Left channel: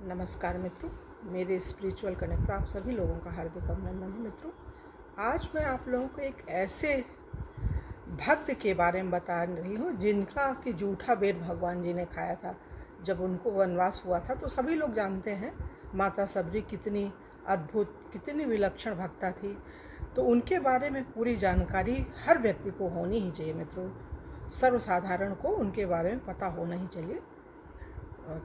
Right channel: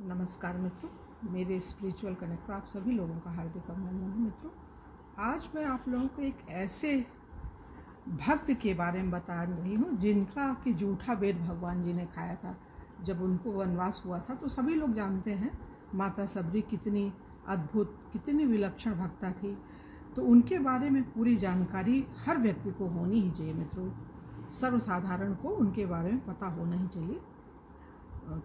नमस्कार मित्रों, मेरे स्पिरिचुअल कनेक्ट पर आप सभी लोगों का हार्दिक अभिनंदन है। मित्रों, आज मैं आप लोगों को एक ऐसे भक्त के बारे में बता रही हूँ जिनका कि जूठा बेर भगवान जी ने खाया था जब उनको वनवास हुआ था। तो सभी लोग जानते हैं माता सबरी कितनी अद्भुत, कितनी विलक्षण भक्ता थी। तो उनके बारे में पूरी जानकारी हर व्यक्ति को होनी ही चाहिए मित्रों। सर्वसाधारण को उनके बारे में पता होना ही चाहिए।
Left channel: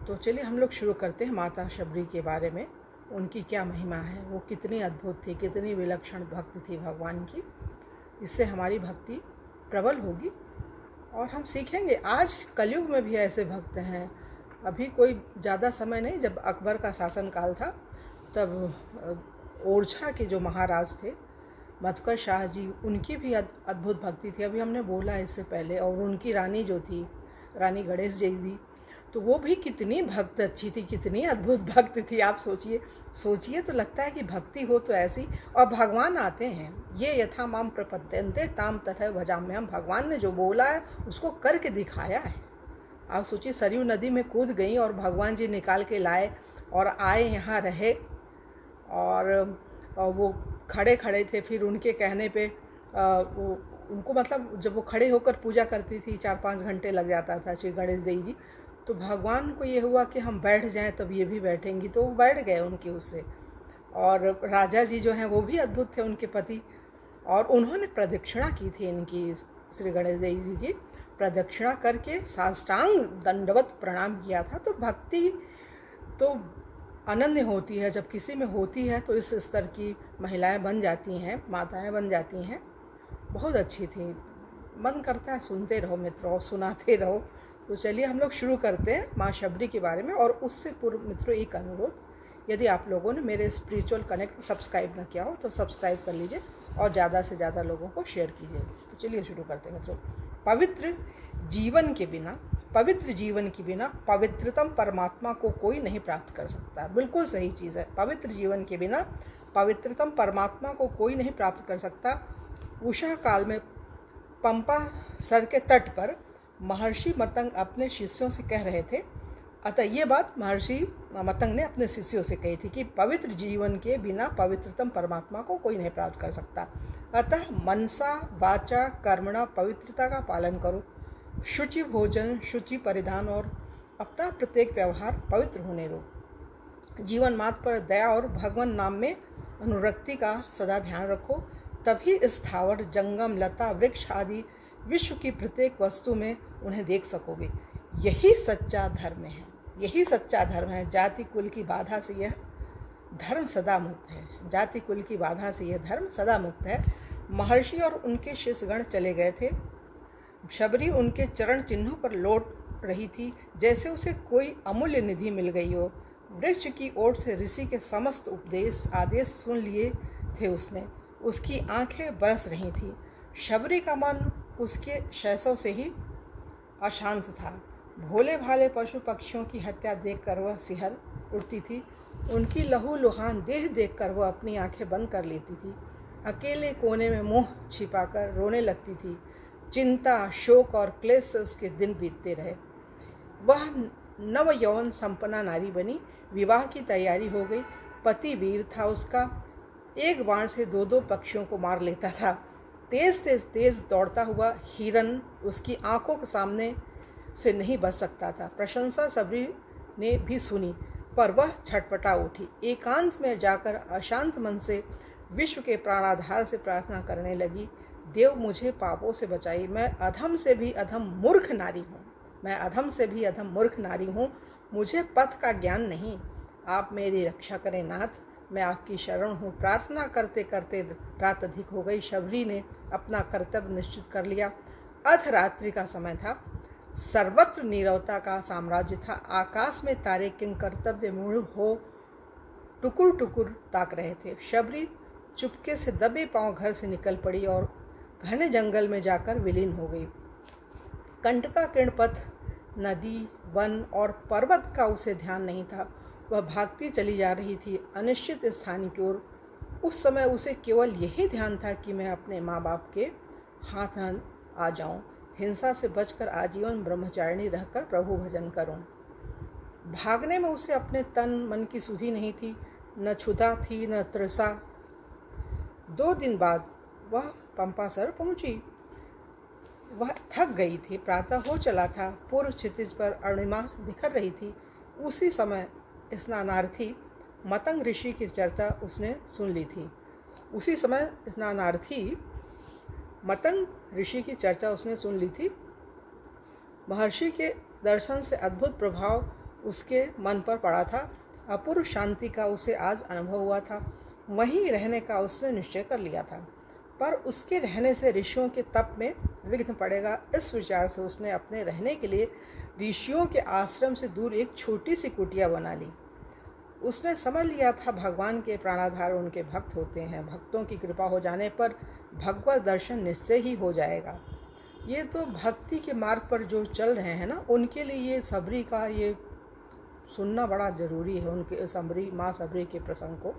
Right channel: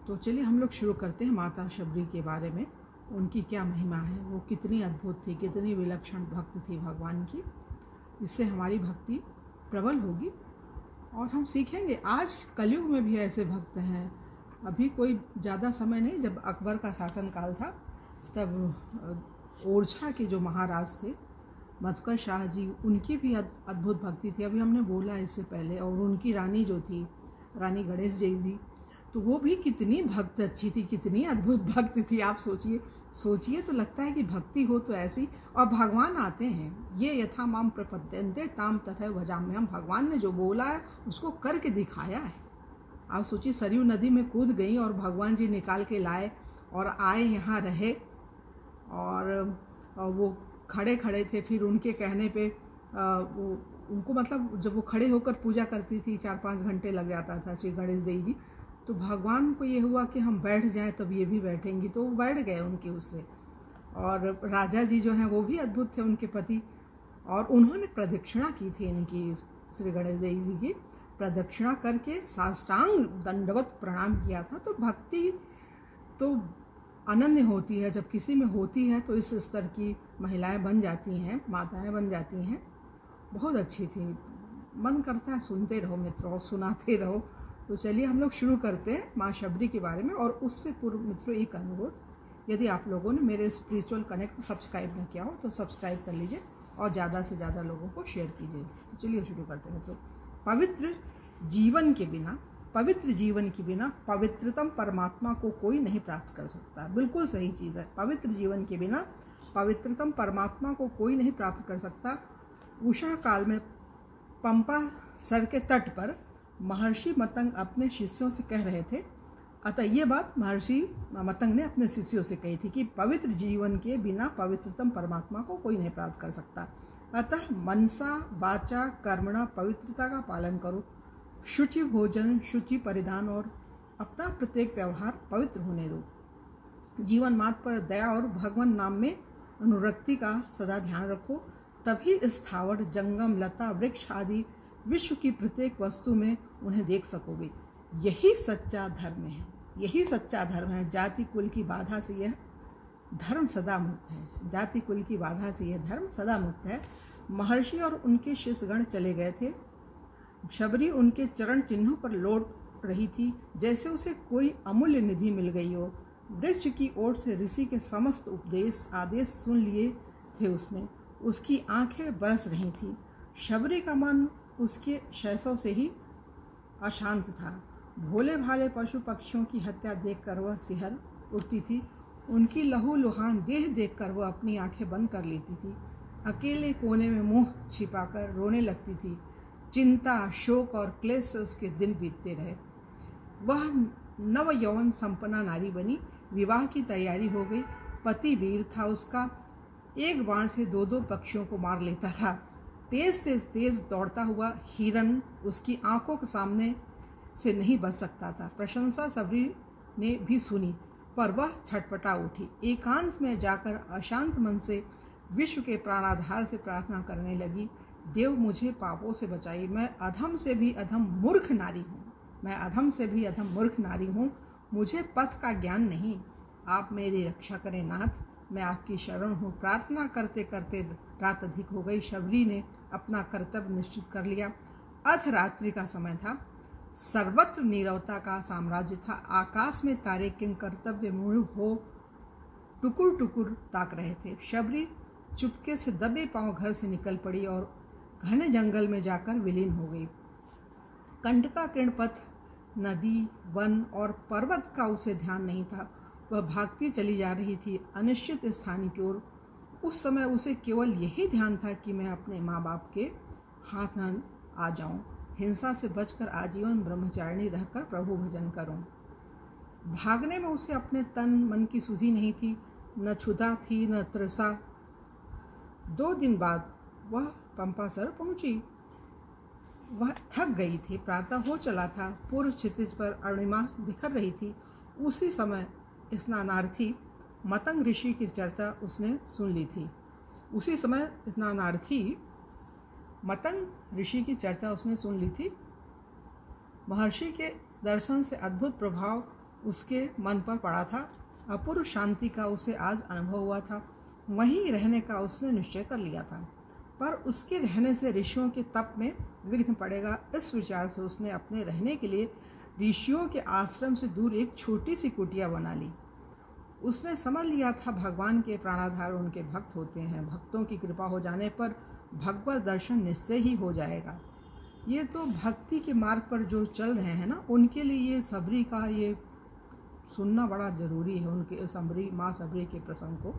तो चलिए हम लोग शुरू करते हैं माता शबरी के बारे में। उनकी क्या महिमा है, वो कितनी अद्भुत थी, कितनी विलक्षण भक्त थी भगवान की। इससे हमारी भक्ति प्रबल होगी और हम सीखेंगे। आज कलयुग में भी ऐसे भक्त हैं। अभी कोई ज़्यादा समय नहीं, जब अकबर का शासनकाल था तब ओरछा के जो महाराज थे मधुकर शाह जी, उनकी भी अद्भुत भक्ति थी। अभी हमने बोला इससे पहले। और उनकी रानी जो थी, रानी गणेश जी थी, तो वो भी कितनी भक्त अच्छी थी, कितनी अद्भुत भक्त थी। आप सोचिए तो लगता है कि भक्ति हो तो ऐसी। और भगवान आते हैं, ये यथा माम प्रपद्यन्ते ताम तथा भजाम्यहम्। भगवान ने जो बोला है उसको करके दिखाया है। आप सोचिए, सरयू नदी में कूद गई और भगवान जी निकाल के लाए और आए, यहाँ रहे। और वो खड़े खड़े थे। फिर उनके कहने पे वो उनको, मतलब जब वो खड़े होकर पूजा करती थी 4-5 घंटे लग जाता था श्री गणेश देवी जी। तो भगवान को ये हुआ कि हम बैठ जाएं तब ये भी बैठेंगी, तो वो बैठ गए उनकी उससे। और राजा जी जो हैं वो भी अद्भुत थे, उनके पति। और उन्होंने प्रदक्षिणा की थी इनकी, श्री गणेश देवी जी की प्रदक्षिणा करके साष्टांग दंडवत प्रणाम किया था। तो भक्ति तो अनन्य होती है, जब किसी में होती है तो इस स्तर की महिलाएं बन जाती हैं, माताएं बन जाती हैं। बहुत अच्छी थी, मन करता है सुनते रहो मित्रों, सुनाते रहो। तो चलिए हम लोग शुरू करते हैं माँ शबरी के बारे में। और उससे पूर्व मित्रों एक अनुरोध, यदि आप लोगों ने मेरे स्पिरिचुअल कनेक्ट सब्सक्राइब न किया हो तो सब्सक्राइब कर लीजिए और ज़्यादा से ज़्यादा लोगों को शेयर कीजिए। तो चलिए शुरू करते हैं मित्रों। पवित्र जीवन के बिना पवित्रतम परमात्मा को कोई नहीं प्राप्त कर सकता। बिल्कुल सही चीज़ है। पवित्र जीवन के बिना पवित्रतम परमात्मा को कोई नहीं प्राप्त कर सकता। उषा काल में पंपा सर के तट पर महर्षि मतंग अपने शिष्यों से कह रहे थे। अतः ये बात महर्षि मतंग ने अपने शिष्यों से कही थी कि पवित्र जीवन के बिना पवित्रतम परमात्मा को कोई नहीं प्राप्त कर सकता। अतः मनसा वाचा कर्मणा पवित्रता का पालन करो। शुचि भोजन, शुचि परिधान और अपना प्रत्येक व्यवहार पवित्र होने दो। जीवन मात्र पर दया और भगवान नाम में अनुरक्ति का सदा ध्यान रखो। तभी स्थावर, जंगम, लता, वृक्ष आदि विश्व की प्रत्येक वस्तु में उन्हें देख सकोगे। यही सच्चा धर्म है, यही सच्चा धर्म है। जाति कुल की बाधा से यह धर्म सदा मुक्त है। जाति कुल की बाधा से यह धर्म सदा मुक्त है। महर्षि और उनके शिष्यगण चले गए थे। शबरी उनके चरण चिन्हों पर लौट रही थी, जैसे उसे कोई अमूल्य निधि मिल गई हो। वृक्ष की ओर से ऋषि के समस्त उपदेश आदेश सुन लिए थे उसने। उसकी आंखें बरस रही थीं। शबरी का मन उसके शैशव से ही अशांत था। भोले भाले पशु पक्षियों की हत्या देखकर वह सिहर उठती थी। उनकी लहू लुहान देह देखकर वह अपनी आंखें बंद कर लेती थी। अकेले कोने में मुंह छिपाकर रोने लगती थी। चिंता, शोक और क्लेश से उसके दिन बीतते रहे। वह नव यौवन संपन्ना नारी बनी। विवाह की तैयारी हो गई। पति वीर था उसका, एक बाण से 2-2 पक्षियों को मार लेता था। तेज दौड़ता हुआ हिरन उसकी आंखों के सामने से नहीं बच सकता था। प्रशंसा सबरी ने भी सुनी, पर वह छटपटा उठी। एकांत में जाकर अशांत मन से विश्व के प्राणाधार से प्रार्थना करने लगी। देव, मुझे पापों से बचाइए। मैं अधम से भी अधम मूर्ख नारी हूँ। मैं अधम से भी अधम मूर्ख नारी हूँ। मुझे पथ का ज्ञान नहीं। आप मेरी रक्षा करें नाथ, मैं आपकी शरण हूँ। प्रार्थना करते करते रात अधिक हो गई। शबरी ने अपना कर्तव्य निश्चित कर लिया। अर्धरात्रि का समय था। सर्वत्र नीरवता का साम्राज्य था। आकाश में तारे किंग कर्तव्य मूढ़ हो टुकुर टुकुर ताक रहे थे। शबरी चुपके से दबे पांव घर से निकल पड़ी और घने जंगल में जाकर विलीन हो गई। कंटका किरणपथ, नदी, वन और पर्वत का उसे ध्यान नहीं था। वह भागती चली जा रही थी अनिश्चित स्थान की ओर। उस समय उसे केवल यही ध्यान था कि मैं अपने माँ बाप के हाथ आ जाऊं, हिंसा से बचकर आजीवन ब्रह्मचारिणी रहकर प्रभु भजन करूं। भागने में उसे अपने तन मन की सुधि नहीं थी, न क्षुधा थी न तृषा। 2 दिन बाद वह पंपासर पहुंची। वह थक गई थी। प्रातः हो चला था। पूर्व क्षितिज पर अरुणिमा बिखर रही थी। उसी समय स्नानार्थी मतंग ऋषि की चर्चा उसने सुन ली थी। उसी समय स्नानार्थी मतंग ऋषि की चर्चा उसने सुन ली थी। महर्षि के दर्शन से अद्भुत प्रभाव उसके मन पर पड़ा था। अपूर्व शांति का उसे आज अनुभव हुआ था। वहीं रहने का उसने निश्चय कर लिया था, पर उसके रहने से ऋषियों के तप में विघ्न पड़ेगा। इस विचार से उसने अपने रहने के लिए ऋषियों के आश्रम से दूर एक छोटी सी कुटिया बना ली। उसने समझ लिया था भगवान के प्राणाधार उनके भक्त होते हैं। भक्तों की कृपा हो जाने पर भगवत दर्शन निश्चय ही हो जाएगा। ये तो भक्ति के मार्ग पर जो चल रहे हैं ना, उनके लिए ये सबरी का ये सुनना बड़ा ज़रूरी है, उनके सबरी माँ सबरी के प्रसंग को।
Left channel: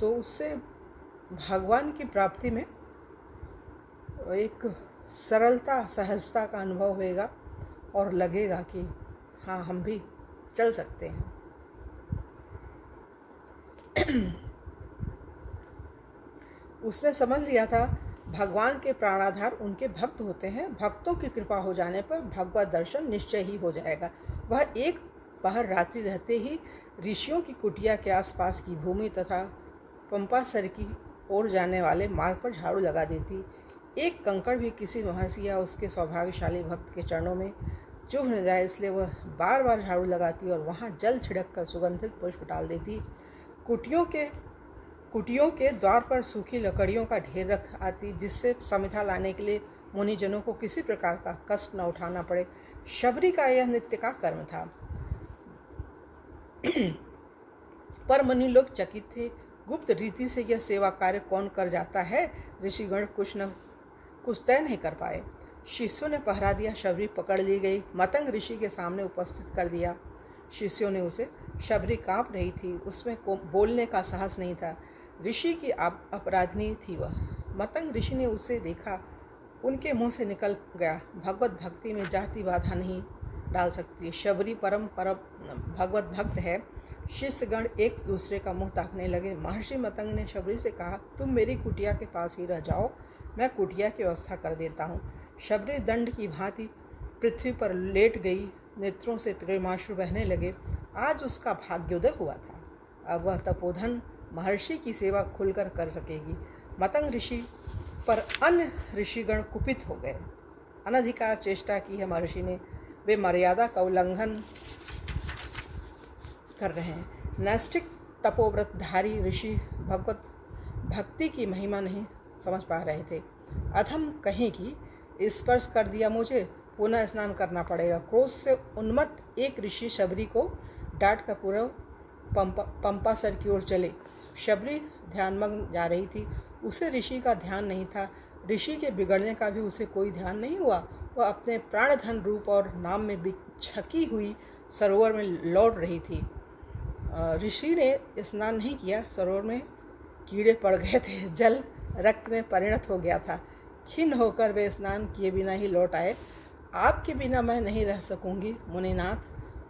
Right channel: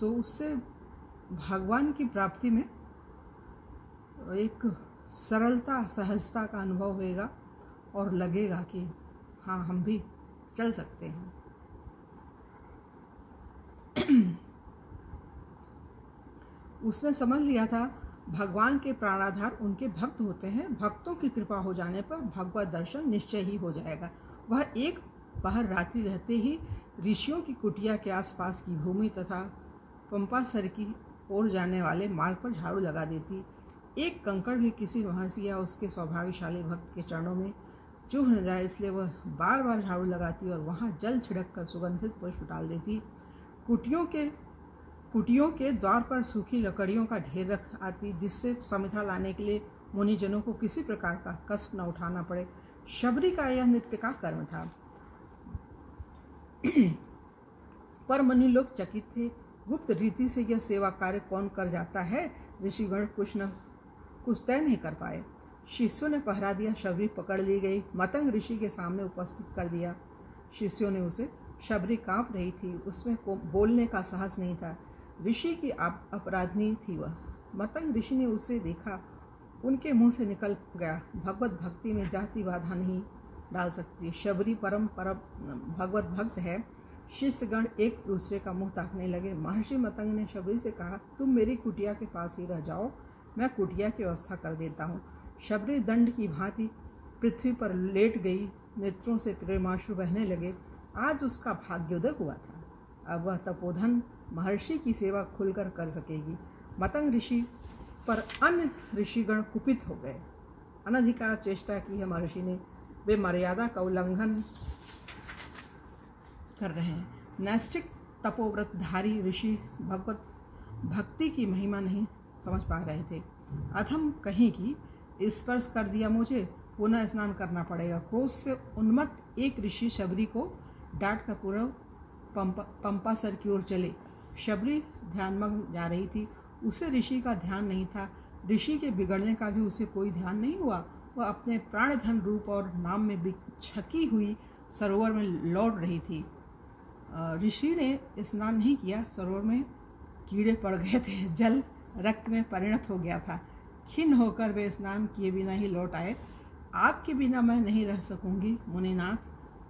तो उससे भगवान की प्राप्ति में एक सरलता सहजता का अनुभव होएगा और लगेगा कि हाँ, हम भी चल सकते हैं। उसने समझ लिया था भगवान के प्राणाधार उनके भक्त होते हैं। भक्तों की कृपा हो जाने पर भगवत दर्शन निश्चय ही हो जाएगा। वह एक पहर रात्रि रहते ही ऋषियों की कुटिया के आसपास की भूमि तथा पंपासर की ओर जाने वाले मार्ग पर झाड़ू लगा देती। एक कंकड़ भी किसी महर्षि या उसके सौभाग्यशाली भक्त के चरणों में चुभ न जाए, इसलिए वह बार बार झाड़ू लगाती और वहाँ जल छिड़क कर सुगंधित पुष्प डाल देती। कुटियों के द्वार पर सूखी लकड़ियों का ढेर रख आती, जिससे समिधा लाने के लिए मुनिजनों को किसी प्रकार का कष्ट न उठाना पड़े। शबरी का यह नित्य का कर्म था। पर मुनि लोग चकित थे। गुप्त रीति से यह सेवा कार्य कौन कर जाता है? ऋषिगण कुछ तय नहीं कर पाए। शिष्यों ने पहरा दिया। शबरी पकड़ ली गई, मतंग ऋषि के सामने उपस्थित कर दिया। शिष्यों ने उसे, शबरी कांप रही थी, उसमें बोलने का साहस नहीं था। ऋषि की अपराधनी थी वह। मतंग ऋषि ने उसे देखा, उनके मुंह से निकल गया, भगवत भक्ति में जाति बाधा नहीं डाल सकती। शबरी परम भगवत भक्त है। शिष्यगण एक दूसरे का मुंह ताकने लगे। महर्षि मतंग ने शबरी से कहा, तुम मेरी कुटिया के पास ही रह जाओ, मैं कुटिया की व्यवस्था कर देता हूँ। शबरी दंड की भांति पृथ्वी पर लेट गई। नेत्रों से प्रेमाश्रु बहने लगे। आज उसका भाग्योदय हुआ था। अब वह तपोधन महर्षि की सेवा खुलकर कर सकेगी। मतंग ऋषि पर अन्य ऋषिगण कुपित हो गए। अनधिकार चेष्टा की है महर्षि ने, वे मर्यादा का उल्लंघन कर रहे हैं। नैष्ठिक तपोव्रतधारी ऋषि भगवत भक्ति की महिमा नहीं समझ पा रहे थे। अधम कहीं की स्पर्श कर दिया मुझे, पुनः स्नान करना पड़ेगा। क्रोध से उन्मत्त एक ऋषि शबरी को डांट कर पूर्व पंपासर की ओर चले। शबरी ध्यानमग्न जा रही थी, उसे ऋषि का ध्यान नहीं था। ऋषि के बिगड़ने का भी उसे कोई ध्यान नहीं हुआ। वह अपने प्राणधन रूप और नाम में छकी हुई सरोवर में लौट रही थी। ऋषि ने स्नान नहीं किया, सरोवर में कीड़े पड़ गए थे, जल रक्त में परिणत हो गया था। खिन्न होकर वे स्नान किए बिना ही लौट आए। आपके बिना मैं नहीं रह सकूंगी मुनिनाथ,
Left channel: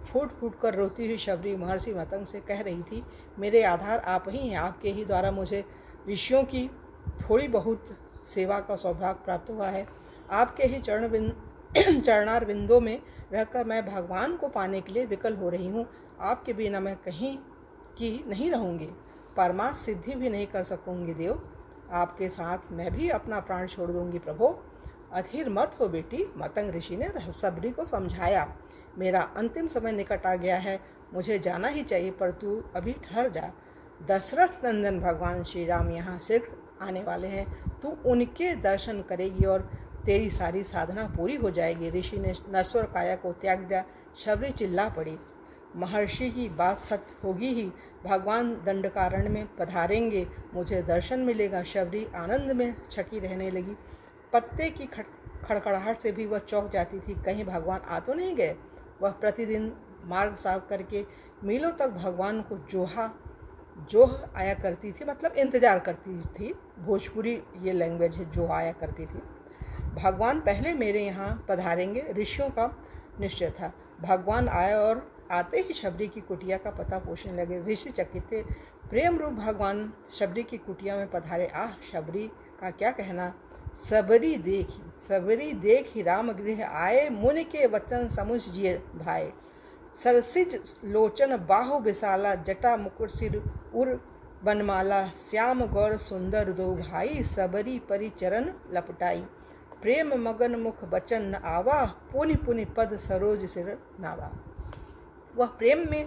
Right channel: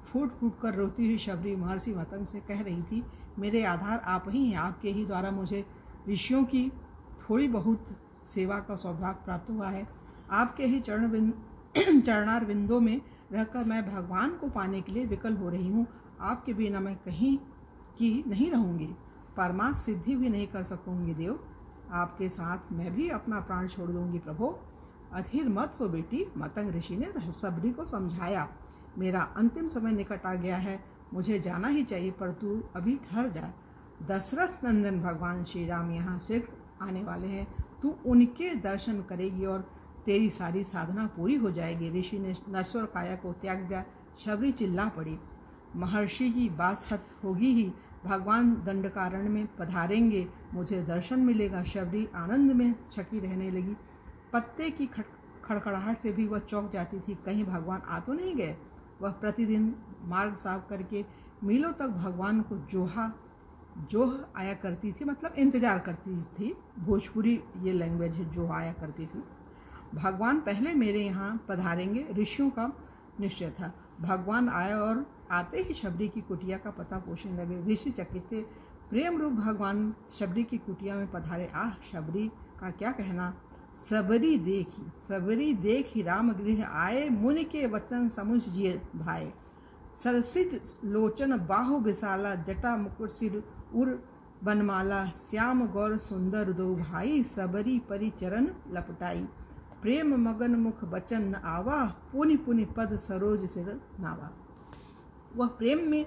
फूट फूट कर रोती हुई शबरी महर्षि मतंग से कह रही थी। मेरे आधार आप ही हैं, आपके ही द्वारा मुझे ऋषियों की थोड़ी बहुत सेवा का सौभाग्य प्राप्त हुआ है। आपके ही चरणार बिंदों में रहकर मैं भगवान को पाने के लिए विकल हो रही हूँ। आपके बिना मैं कहीं की नहीं रहूँगी, परमार्थ सिद्धि भी नहीं कर सकूँगी देव। आपके साथ मैं भी अपना प्राण छोड़ दूँगी प्रभो। अधीर मत हो बेटी, मतंग ऋषि ने शबरी को समझाया। मेरा अंतिम समय निकट आ गया है, मुझे जाना ही चाहिए, पर तू अभी ठहर जा। दशरथ नंदन भगवान श्री राम यहाँ शीघ्र आने वाले हैं, तू उनके दर्शन करेगी और तेरी सारी साधना पूरी हो जाएगी। ऋषि ने नश्वर काया को त्याग दिया। शबरी चिल्ला पड़ी, महर्षि की बात सत्य होगी ही, भगवान दंडकारण्य में पधारेंगे, मुझे दर्शन मिलेगा। शबरी आनंद में छकी रहने लगी। पत्ते की खड़खड़ाहट से भी वह चौंक जाती थी, कहीं भगवान आ तो नहीं गए। वह प्रतिदिन मार्ग साफ करके मीलों तक भगवान को जोह आया करती थी, मतलब इंतज़ार करती थी। भोजपुरी ये लैंग्वेज है, जोह आया करती थी। भगवान पहले मेरे यहाँ पधारेंगे, ऋषियों का निश्चय था। भगवान आए और आते ही शबरी की कुटिया का पता पूछने लगे। ऋषि चकित थे। प्रेम रूप भगवान शबरी की कुटिया में पधारे। आह, शबरी का क्या कहना। सबरी देखी राम गृह आए, मुनि के वचन समुझ जिय भाए। सरसिज लोचन बाहु विशाला, जटा मुकुट सिर उर बनमाला। श्याम गौर सुंदर दो भाई, सबरी परिचरण लपटाई। प्रेम मगन मुख बचन न आवा, पुनि पुनि पद सरोज सिर नावा। वह प्रेम में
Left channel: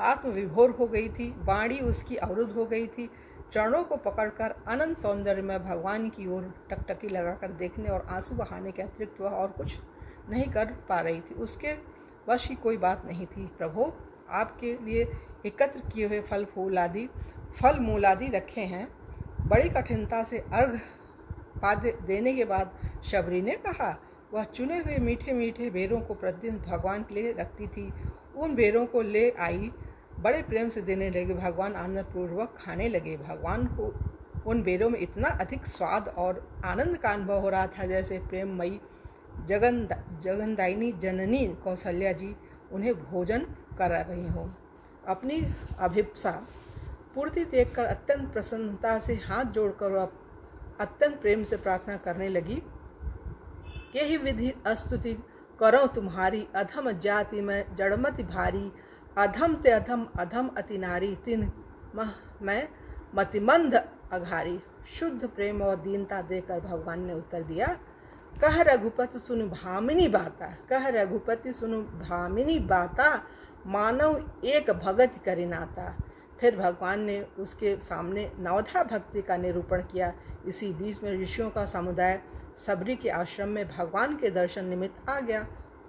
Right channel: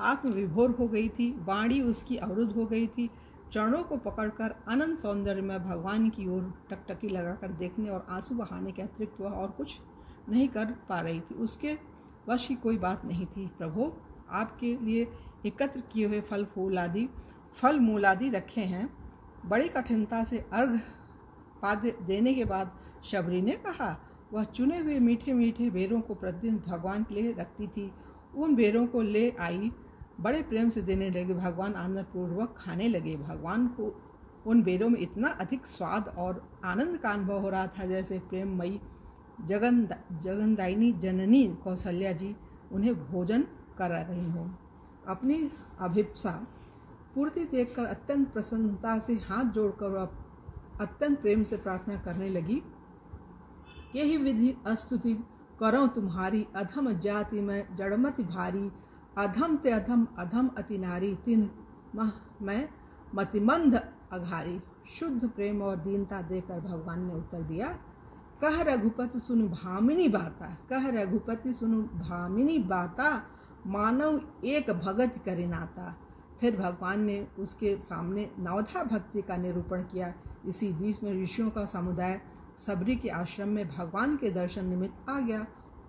आत्मविभोर हो गई थी। वाणी उसकी अवरुद्ध हो गई थी। चरणों को पकड़कर अनंत सौंदर्य में भगवान की ओर टकटकी लगाकर देखने और आंसू बहाने के अतिरिक्त वह और कुछ नहीं कर पा रही थी। उसके वश की कोई बात नहीं थी। प्रभु, आपके लिए एकत्र किए हुए फल मूल आदि रखे हैं। बड़ी कठिनता से अर्घ पाद्य देने के बाद शबरी ने कहा। वह चुने हुए मीठे मीठे बेरों को प्रतिदिन भगवान के लिए रखती थी। उन बेरों को ले आई, बड़े प्रेम से देने लगे। भगवान आनंदपूर्वक खाने लगे। भगवान को उन बेरों में इतना अधिक स्वाद और आनंद का अनुभव हो रहा था जैसे प्रेममयी जगनदायिनी जननी कौशल्या जी उन्हें भोजन करा रही हों। अपनी अभिप्सा पूर्ति देखकर अत्यंत प्रसन्नता से हाथ जोड़कर वह अत्यंत प्रेम से प्रार्थना करने लगी। यही विधि अस्तुति करो तुम्हारी, अधम जाति में जड़मति भारी। अधम ते अधम अधम अति नारी, तिन मैं मतिमंद अघारी। शुद्ध प्रेम और दीनता देकर भगवान ने उत्तर दिया। कह रघुपति सुन भामिनी बाता, कह रघुपति सुन भामिनी बाता। मानव एक भगत करि नाता। फिर भगवान ने उसके सामने नवधा भक्ति का निरूपण किया। इसी बीच में ऋषियों का समुदाय सबरी के आश्रम में भगवान के दर्शन निमित्त आ गया।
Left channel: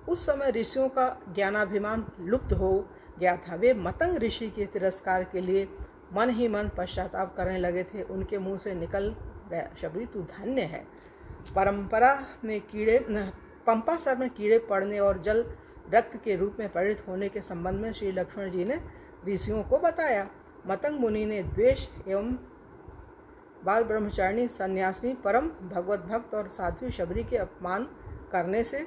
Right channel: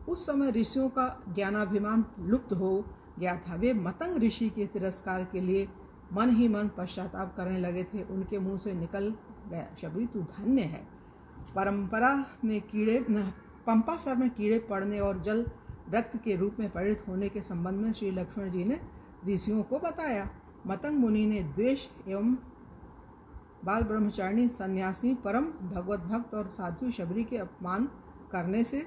उस समय ऋषियों का ज्ञानाभिमान लुप्त हो गया था। वे मतंग ऋषि के तिरस्कार के लिए मन ही मन पश्चाताप करने लगे थे। उनके मुंह से निकल गया, शबरी तू धन्य है। पंपासर में कीड़े पड़ने और जल रक्त के रूप में परिणत होने के संबंध में श्री लक्ष्मण जी ने ऋषियों को बताया। मतंग मुनि ने द्वेष एवं बाल ब्रह्मचारिणी सन्यासिनी परम भगवत भक्त और साध्वी शबरी के अपमान करने से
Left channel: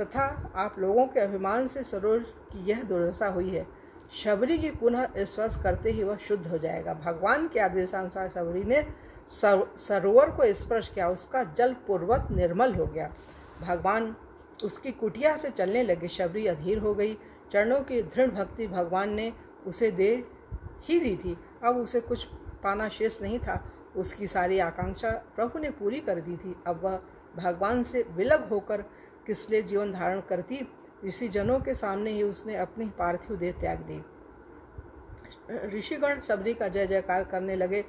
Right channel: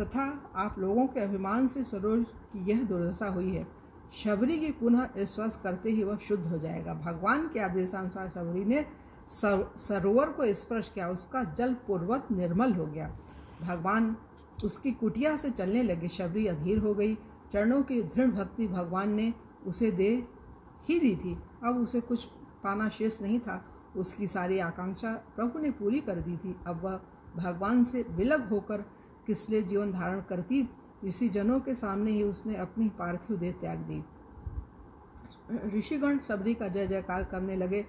तथा आप लोगों के अभिमान से सरोज की यह दुर्दशा हुई है। शबरी की पुनः स्पर्श करते ही वह शुद्ध हो जाएगा। भगवान के आदेशानुसार शबरी ने सरोवर को स्पर्श किया। उसका जल पूर्वक निर्मल हो गया। भगवान उसकी कुटिया से चलने लगे। शबरी अधीर हो गई। चरणों की दृढ़ भक्ति भगवान ने उसे दे ही दी थी। अब उसे कुछ पाना शेष नहीं था। उसकी सारी आकांक्षा प्रभु ने पूरी कर दी थी। अब वह भगवान से विलग होकर किस लिए जीवन धारण करती। ऋषिजनों के सामने ही उसने अपनी पार्थिव देह त्याग दी। ऋषिगण शबरी का जय जयकार करने लगे।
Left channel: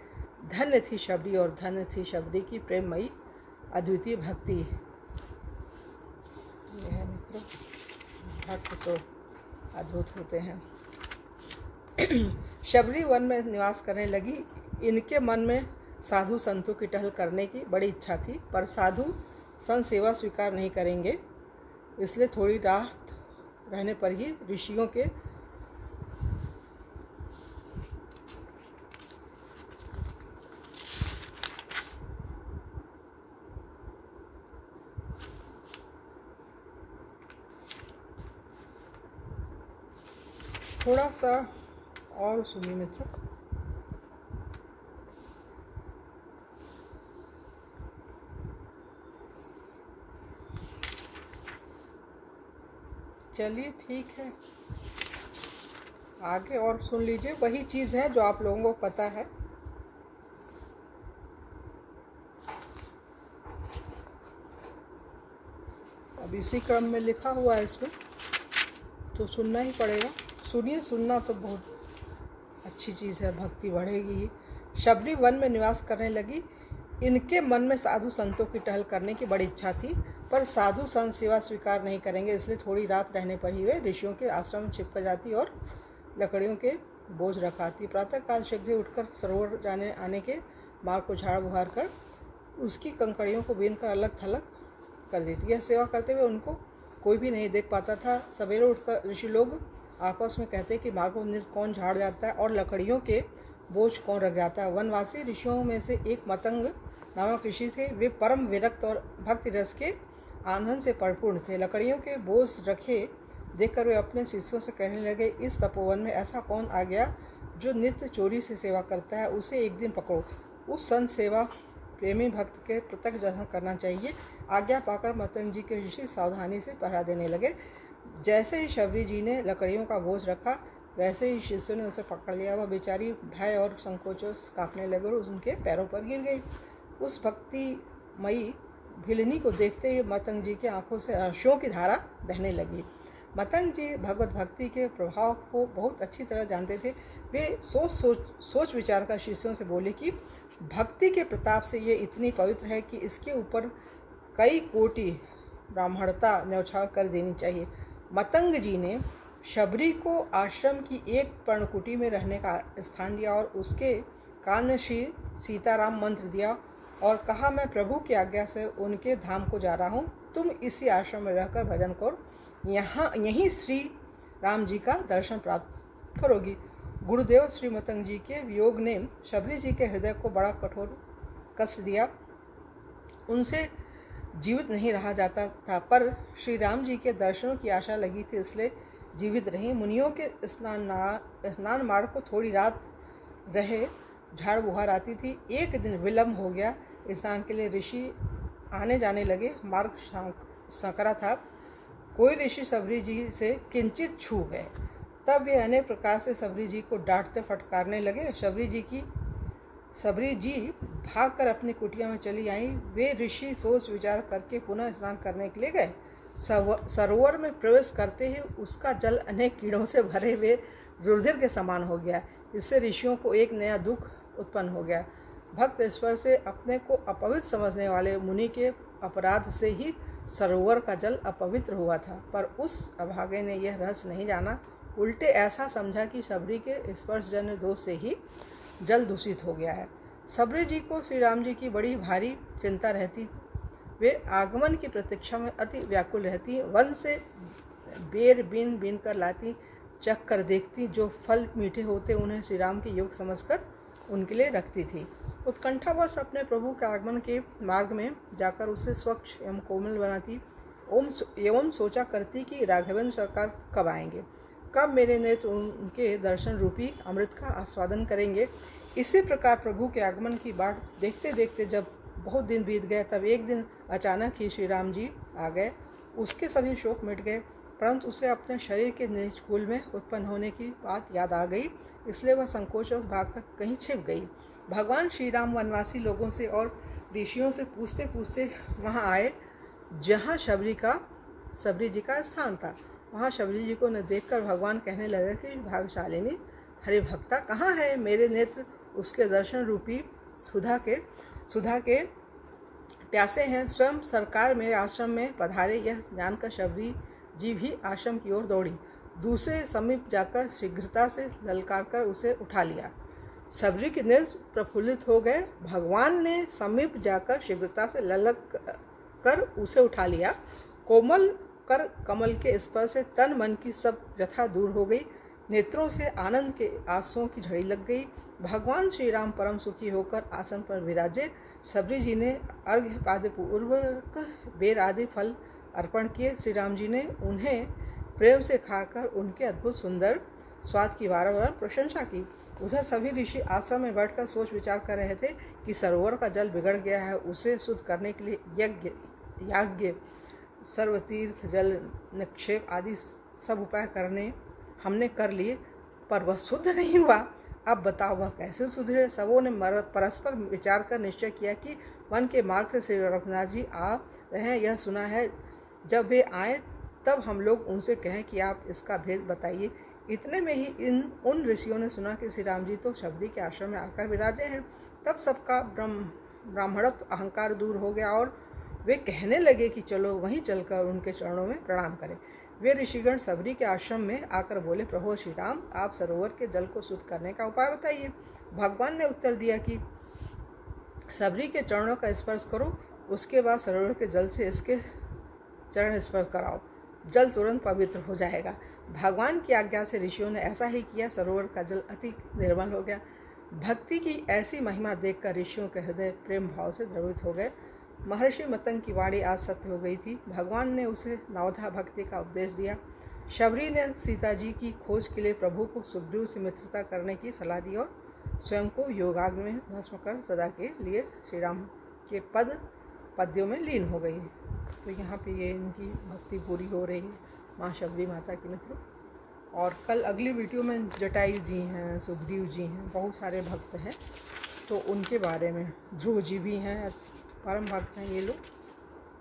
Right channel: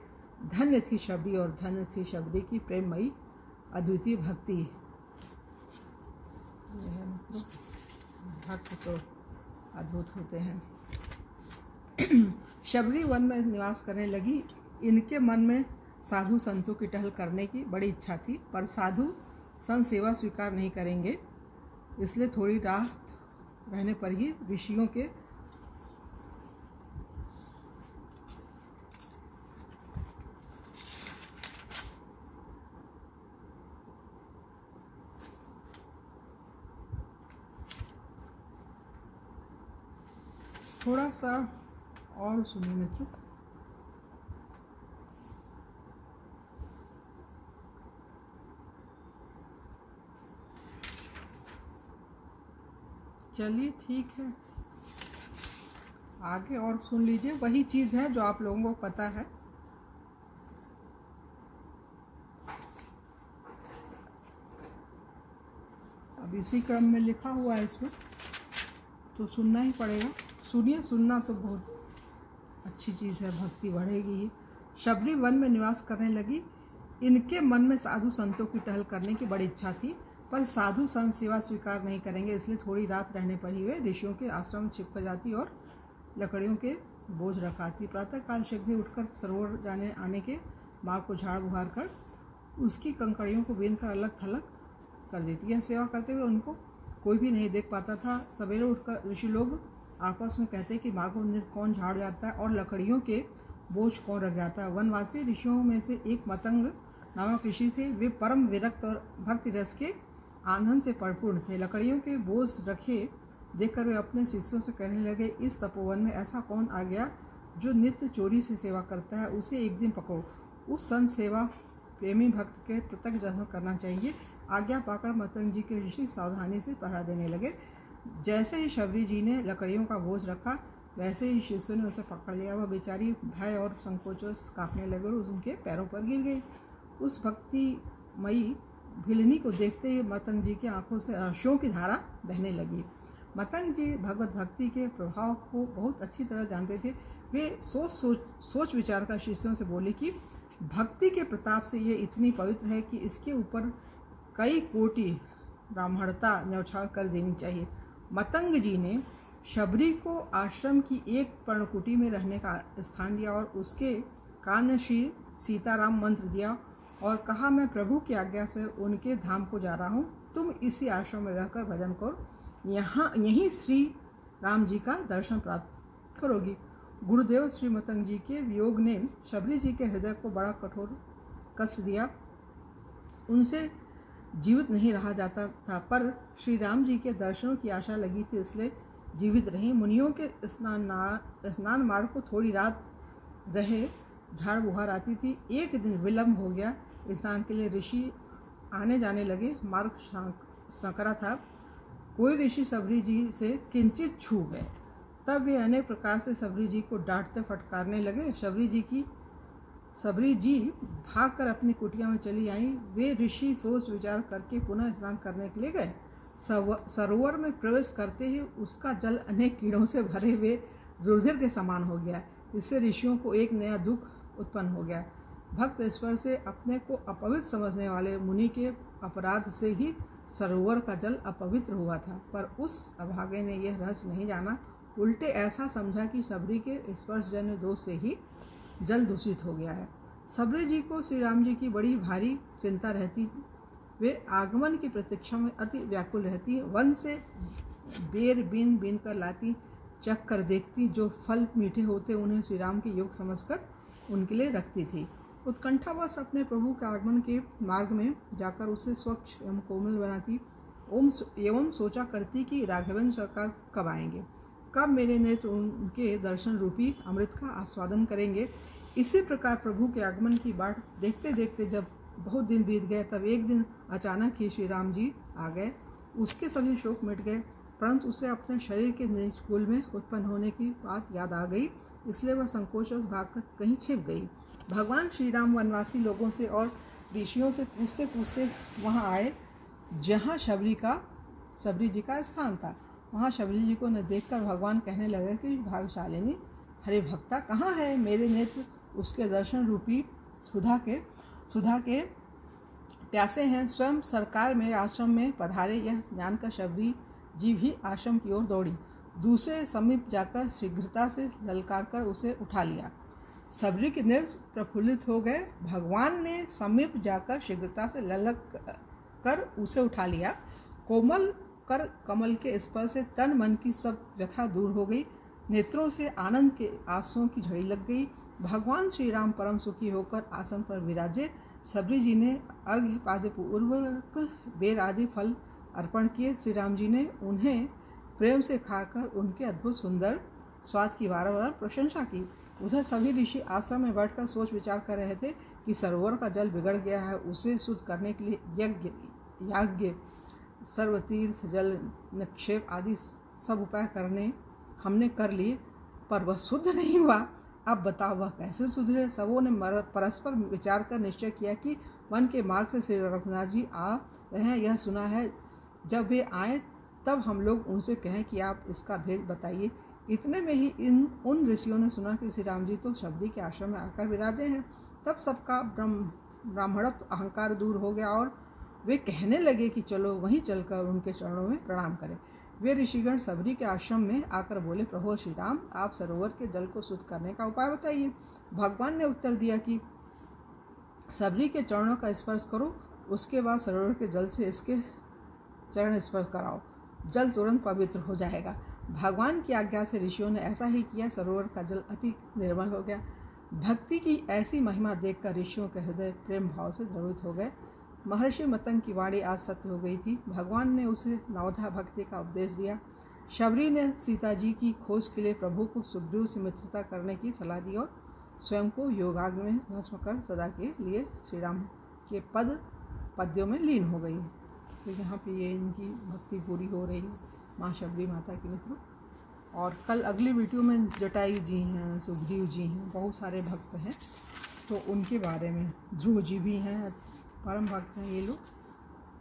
धन्य थी शबरी और धन्य थी शबरी की प्रेममयी अद्वितीय भक्ति। यह मित्रों, भक्त तो अद्भुत होते हैं। शबरी वन में निवास करने लगी। इनके मन में साधु संतों की टहल करने की बड़ी इच्छा थी, पर साधु संत सेवा स्वीकार नहीं करेंगे। इसलिए थोड़ी रात रहने पर ही ऋषियों के थोड़ा सा और सुनिए मित्रों। चलिए ठीक है, आगे और सुन लीजिए। वही चीज़ है जो आप लोगों को पता है। अब इसी क्रम में लिखा हुआ है इसमें, तो सुनना ही पड़ेगा। सुनिए, सुनना तो बहुत अच्छी चीज़ है, भक्ति बढ़ेगी ही। शबरी वन में निवास करने लगी। इनके मन में साधु संतों की टहल करने की बड़ी इच्छा थी, पर साधु संत सेवा स्वीकार नहीं करेंगे। इसलिए थोड़ी रात रहने पर ही वे ऋषियों के आश्रम में छिपक जाती और लकड़ियों के बोझ रखाती। प्रातःकाल शीघ्र उठकर सरोवर जाने आने के मार्ग को झाड़ बुहार कर उसकी कंकड़ियों को बीन कर अलग थलग कर देती। यह सेवा करते हुए उनको कोई भी नहीं देख पाता था। सवेरे उठकर ऋषि लोग आपस में कहते कि मार्ग को कौन झाड़ जाता है और लकड़ियों के बोझ कौन रख जाता है। वनवासी ऋषियों में से एक मतंग नामक ऋषि थे। वे परम विरक्त और भक्ति रस के आनंद से परिपूर्ण थे। लकड़ियों के बोझ रखे देखकर वे अपने शिष्यों से कहने लगे, इस तपोवन में ऐसा कौन आ गया जो नित्य चोरी से सेवा करता है, उसे एक दिन पकड़ो। उस संत सेवा प्रेमी भक्त के प्रत्यक्ष जहाँ करना चाहिए। आज्ञा पाकर मतंग जी के ऋषि सावधानी से पहरा देने लगे। जैसे ही शबरी जी ने लकड़ियों का बोझ रखा, वैसे ही शिष्यों ने उसे पकड़ लिया। वह बेचारी भय और संकोचों से कांपने लगी और उनके पैरों पर गिर गई। उस भक्तिमयी भिलनी को देखते ही मतंग जी की आंखों से आंसुओं की धारा बहने लगी। मतंग जी भगवत भक्ति के प्रभाव को बहुत अच्छी तरह जानते थे। वे सोच विचार कर शिष्यों से बोले कि भक्ति के प्रताप से ये इतनी पवित्र है कि इसके ऊपर कई कोटि ब्राह्मणता न्यौछावर कर देनी चाहिए। मतंग जी ने शबरी को आश्रम की एक पर्णकुटी में रहने का स्थान दिया और उसके कान में श्री सीताराम मंत्र दिया और कहा, मैं प्रभु की आज्ञा से उनके धाम को जा रहा हूँ, तुम इसी आश्रम में रहकर भजन करो, यहीं श्री राम जी का दर्शन प्राप्त करोगी। गुरुदेव श्री मतंग जी के वियोग ने शबरी जी के हृदय को बड़ा कठोर कष्ट दिया। उनसे जीवित नहीं रहा जाता था, पर श्री राम जी के दर्शनों की आशा लगी थी, इसलिए जीवित रही। मुनियों के स्नान मार्ग को थोड़ी रात रहे झाड़ बुहार आती थी। एक दिन विलम्ब हो गया, स्नान के लिए ऋषि आने जाने लगे। मार्ग संकरा था। कोई ऋषि सबरी जी से किंचित छू गए, तब वे अनेक प्रकार से सबरी जी को डांटते फटकारने लगे। सबरी जी भागकर अपनी कुटिया में चली आई। वे ऋषि सोच विचार करके पुनः स्नान करने के लिए गए। सरोवर में प्रवेश करते ही उसका जल अनेक कीड़ों से भरे हुए रुधिर के समान हो गया। इससे ऋषियों को एक नया दुख उत्पन्न हो गया। भक्त ईश्वर से अपने को अपवित्र समझने वाले मुनि के अपराध से ही सरोवर का जल अपवित्र हुआ था, पर उस अभागे ने यह रहस्य नहीं जाना। उल्टे ऐसा समझा कि सबरी के स्पर्शजन्य दोष से ही जल दूषित हो गया है। सबरी जी को श्री राम जी की बड़ी भारी चिंता रहती। वे आगमन की प्रतीक्षा में अति व्याकुल रहती। वन से बेर बीन बीन कर लाती, चख कर देखती। जो फल मीठे होते उन्हें श्री राम के योग समझकर उनके लिए रखती थी। उत्कंठावश अपने प्रभु के आगमन के मार्ग में जाकर उसे स्वच्छ एवं कोमल बनाती एवं सोचा करती कि राघवेंद्र सरकार कब आएंगे, कब मेरे नेत्र उनके दर्शन रूपी अमृत का आस्वादन करेंगे। इसी प्रकार प्रभु के आगमन की बाट देखते देखते जब बहुत दिन बीत गए, तब एक दिन अचानक ही श्री राम जी आ गए। उसके सभी शोक मिट गए, परंतु उसे अपने शरीर के निजकुल में उत्पन्न होने की बात याद आ गई, इसलिए वह संकोचवश भागकर कहीं छिप गई। भगवान श्री राम वनवासी लोगों से और ऋषियों से पूछते पूछते वहाँ आए जहाँ सबरी जी का स्थान था। वहाँ शबरी जी को न देखकर भगवान कहने लगे कि भाग्यशालिनी हरि भक्ता कहाँ है? मेरे नेत्र उसके दर्शन रूपी सुधा के प्यासे हैं। स्वयं सरकार मेरे आश्रम में पधारे, यह जानकर शबरी जी भी आश्रम की ओर दौड़ी। दूसरे समीप जाकर शीघ्रता से ललकार कर उसे उठा लिया। सबरी के नेत्र प्रफुल्लित हो गए। भगवान ने समीप जाकर शीघ्रता से ललक कर उसे उठा लिया। कोमल कर कमल के स्पर्श से तन मन की सब व्यथा दूर हो गई। नेत्रों से आनंद के आंसुओं की झड़ी लग गई। भगवान श्री राम परम सुखी होकर आसन पर विराजे। सबरी जी ने अर्घ्य पाद पूर्वक बेर आदि फल अर्पण किए। श्री राम जी ने उन्हें प्रेम से खाकर उनके अद्भुत सुंदर स्वाद की बार प्रशंसा की। उधर सभी ऋषि आश्रम में बैठकर सोच विचार कर रहे थे कि सरोवर का जल बिगड़ गया है, उसे शुद्ध करने के लिए याज्ञ सर्वतीर्थ जल निक्षेप आदि सब उपाय हमने कर लिए, पर वह शुद्ध नहीं हुआ। अब बताओ वह कैसे सुधरे? सबों ने परस्पर विचार कर निश्चय किया कि वन के मार्ग से श्री रघुनाथ जी आ रहे हैं, यह सुना है। जब वे आए तब हम लोग उनसे कहें कि आप इसका भेद बताइए। इतने में ही उन ऋषियों ने सुना कि श्री राम जी तो शबरी के आश्रम में आकर विराजे हैं। तब सबका ब्राह्मणत्व अहंकार दूर हो गया और वे कहने लगे कि चलो वहीं चलकर उनके चरणों में प्रणाम करें। वे ऋषिगण सबरी के आश्रम में आकर बोले, प्रभु श्री राम, आप सरोवर के जल को शुद्ध करने का उपाय बताइए। भगवान ने उत्तर दिया कि सबरी के चरणों का स्पर्श करो, उसके बाद सरोवर के जल से इसके चरण स्पर्श कराओ, जल तुरंत पवित्र हो जाएगा। भगवान की आज्ञा से ऋषियों ने ऐसा ही किया। सरोवर का जल अति निर्मल हो गया। भक्ति की ऐसी महिमा देखकर ऋषियों के हृदय प्रेम भाव से द्रवित हो गए। महर्षि मतंग की वाणी आज सत्य हो गई थी। भगवान ने उसे नवधा भक्ति का उपदेश दिया। शबरी ने सीता जी की खोज के लिए प्रभु को सुग्रीव से मित्रता करने की सलाह दी और स्वयं को योगाग्नि में भस्म कर सदा के लिए श्री राम के पद्यों में लीन हो गई। तो यहाँ पे ये इनकी भक्ति पूरी हो रही है माँ शबरी माता की मित्रों। और कल अगली वीडियो में जटायु जी हैं, सुग्रीव जी हैं, बहुत सारे भक्त हैं, तो उनके बारे में, ध्रुव जी भी हैं, परम भक्त हैं ये लोग,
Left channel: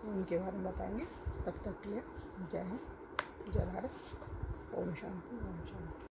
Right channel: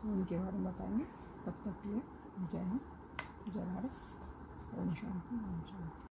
तो उनके बारे में बताएंगे। तब तक के लिए जय हिंद, जय भारत, ओम शांति, ओम शांति।